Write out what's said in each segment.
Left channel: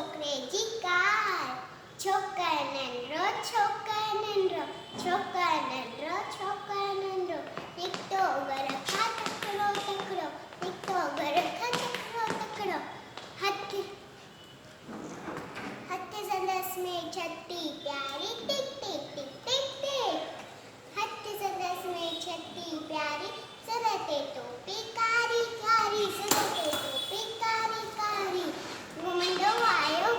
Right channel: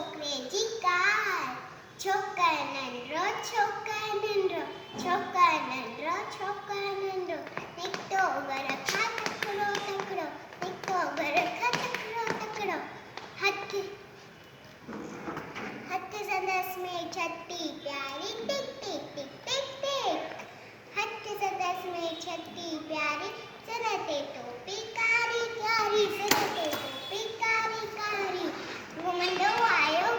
છોકરેજી car છોકર નંદરો છોકર નંદરો નીકતો ગરખા તકડો નીકતો ગરખા તકડો હાથી सदस में छत्ती प्यारी टिक टिक टिक टिक टिक हाथी सदस में छत्ती प्यारी सरते टोपी कारी कारी सरते टोपी कारी कारी घुमंडो आयो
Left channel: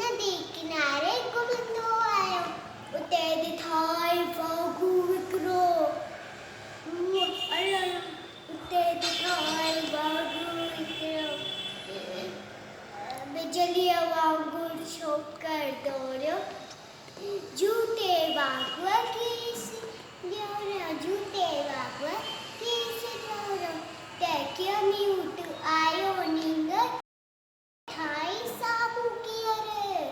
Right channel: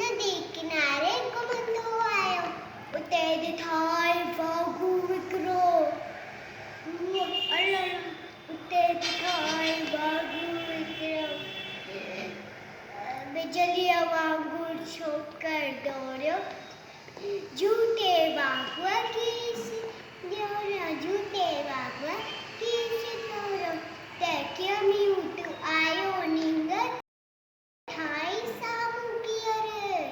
नदी किनारे घुमंडो आयो उते दिखाई वागू विकरो उते दिखाई वागू विकरो बिजलिया वागू छोकर दौड़ो जूते वागवा किस जूते वागवा किस दौड़ो देखियो म्यूट आयो नींगर थाई सामू कियर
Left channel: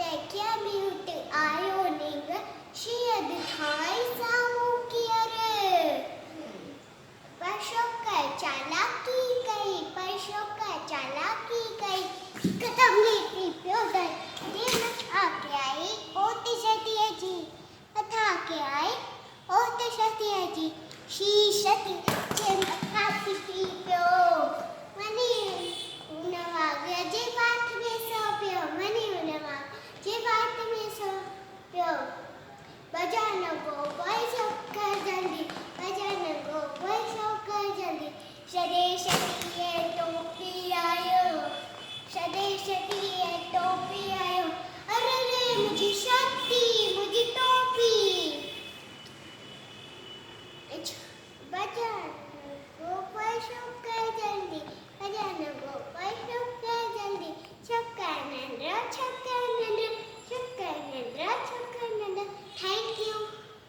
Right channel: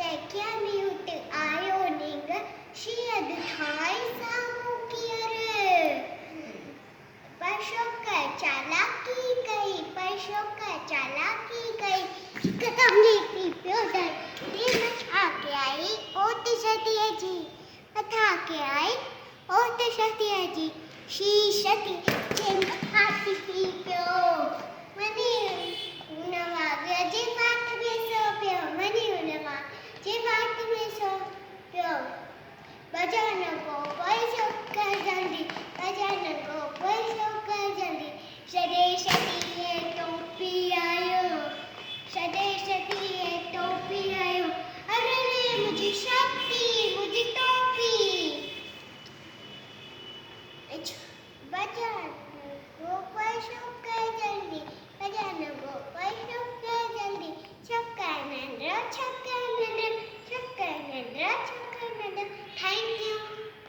देखियो म्यूट आयो नींगर शायद थाई सामू कियर परशोकर चालाकी गई कदम नीति प्योदर दिन आके आई ओते सतिया जी अथा के आई ओते सतिया जी शी सती जेम हाथ